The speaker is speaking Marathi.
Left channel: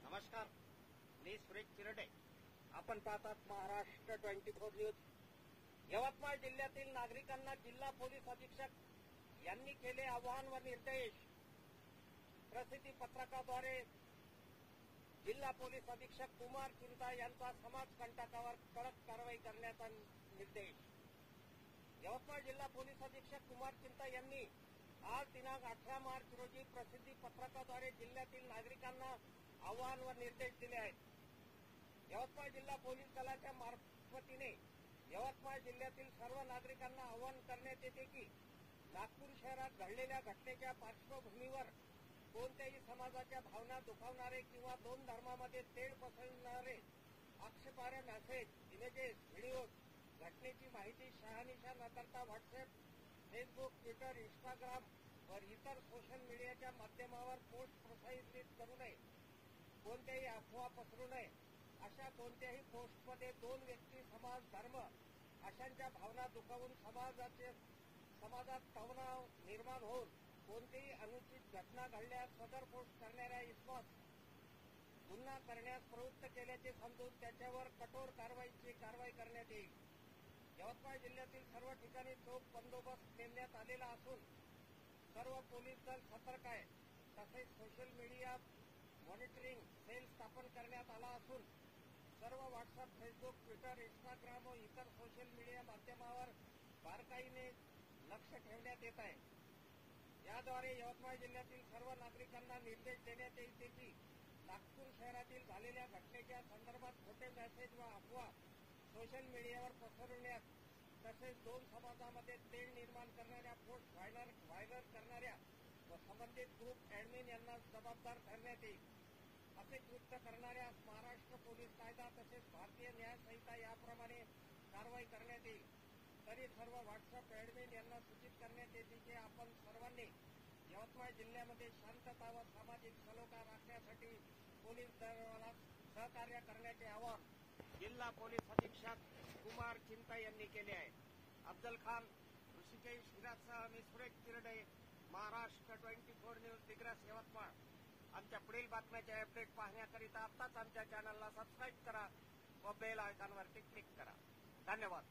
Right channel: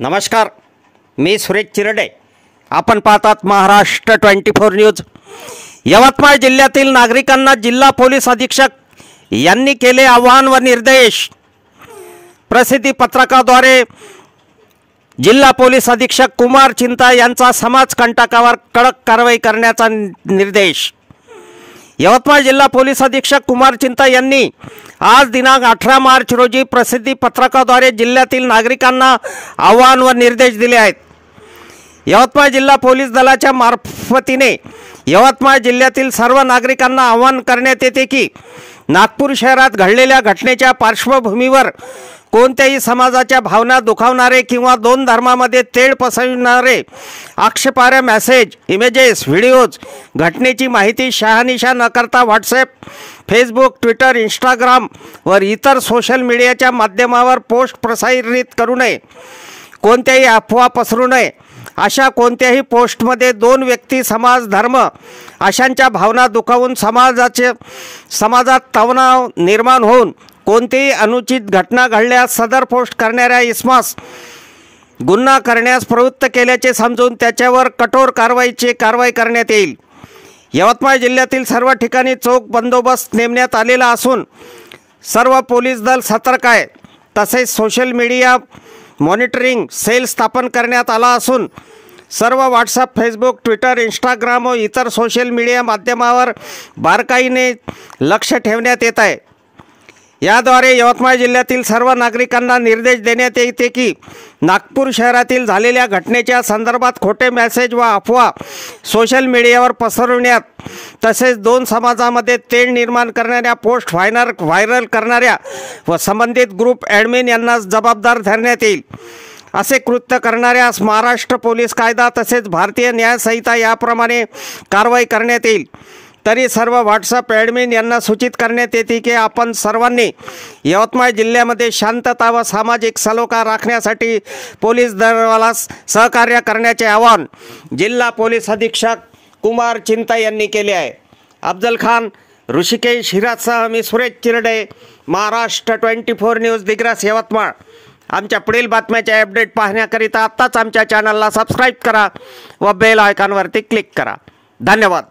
नमस्कार, मी सुरेश चिरडे. आपण पाहतात महाराष्ट्र 24 न्यूज. यवतमाळ जिल्ह्यातील नागरिकांना जिल्हा पोलीस अधीक्षक यांनी केले आवाहन व निर्देश. प्रसिद्धी पत्रकाद्वारे जिल्हा पोलीस अधीक्षक कुमार चिंता यांचा समाजकंटकावर कडक कारवाई करण्याचा निर्देश. यवतमाळ जिल्हा पोलीस अधीक्षक कुमार चिंता यांनी आज दिनांक 18 मार्च रोजी प्रसिद्धी पत्रकाद्वारे जिल्ह्यातील नागरिकांना आवाहन व निर्देश दिले आहेत. यवतमाळ जिल्हा पोलीस दलाच्या मार्फतीने यवतमाळ जिल्ह्यातील सर्व नागरिकांना आवाहन करण्यात येते की नागपूर शहरात घडलेल्या घटनेच्या पार्श्वभूमीवर कोणत्याही समाजाच्या भावना दुखावणारे किंवा दोन धर्मामध्ये तेढ पसरविणारे आक्षेपार्ह मेसेज, इमेजेस, व्हिडिओज, घटनेची माहिती शहानिशा न करता व्हॉट्सॲप, फेसबुक, ट्विटर, इंस्टाग्राम व इतर सोशल मीडियाच्या माध्यमावर पोस्ट प्रसारित करू नये. कोणत्याही अफवा पसरू नये. अशा कोणत्याही पोस्टमध्ये दोन व्यक्ती, समाज, धर्म अशांच्या भावना दुखावून समाजात तणाव निर्माण होऊन कोणतीही अनुचित घटना घडल्यास सदर पोस्ट करणाऱ्या इसमास गुन्हा करण्यास प्रवृत्त केल्याचे समजून त्याच्यावर कठोर कारवाई करण्यात येईल. यवतमाळ जिल्ह्यातील सर्व ठिकाणी चोख बंदोबस्त नेमण्यात आलेला असून सर्व पोलीस दल सतर्क आहे. तसेच सोशल मीडिया मॉनिटरिंग सेल स्थापन करण्यात आला असून सर्व व्हॉट्सअप, फेसबुक, ट्विटर, इंस्टाग्राम व इतर सोशल मीडिया माध्यमावर बारकाईने लक्ष ठेवण्यात येत आहे. याद्वारे यवतमाळ जिल्ह्यातील सर्व नागरिकांना निर्देश देण्यात येते की नागपूर शहरातील झालेल्या घटनेच्या संदर्भात खोटे मेसेज व अफवा सोशल मीडियावर पसरवण्यात तसेच दोन समाजामध्ये तेढ निर्माण करणाऱ्या पोस्ट व्हायरल करणाऱ्या व संबंधित ग्रुप ॲडमिन यांना जबाबदार धरण्यात येईल. असे कृत्य करणाऱ्यास महाराष्ट्र पोलीस कायदा तसेच भारतीय न्यायसंहिता याप्रमाणे कारवाई करण्यात येईल. तरी सर्व व्हॉट्सअप ॲडमिन यांना सूचित करण्यात येते की आपण सर्वांनी यवतमाळ जिल्ह्यामध्ये शांतता व सामाजिक सलोखा राखण्यासाठी पोलीस दलास सहकार्य करण्याचे आवाहन जिल्हा पोलीस अधीक्षक कुमार चिंता यांनी केले आहे. अफजल खान, ऋषिकेश हिराजसह मी सुरेश चिरडे, महाराष्ट्र 24 न्यूज, दिग्रस, यवतमाळ. आमच्या पुढील बातम्याचे अपडेट पाहण्याकरिता आत्ताच आमच्या चॅनलला सबस्क्राईब करा व बेल आयकॉनवरती क्लिक करा. धन्यवाद.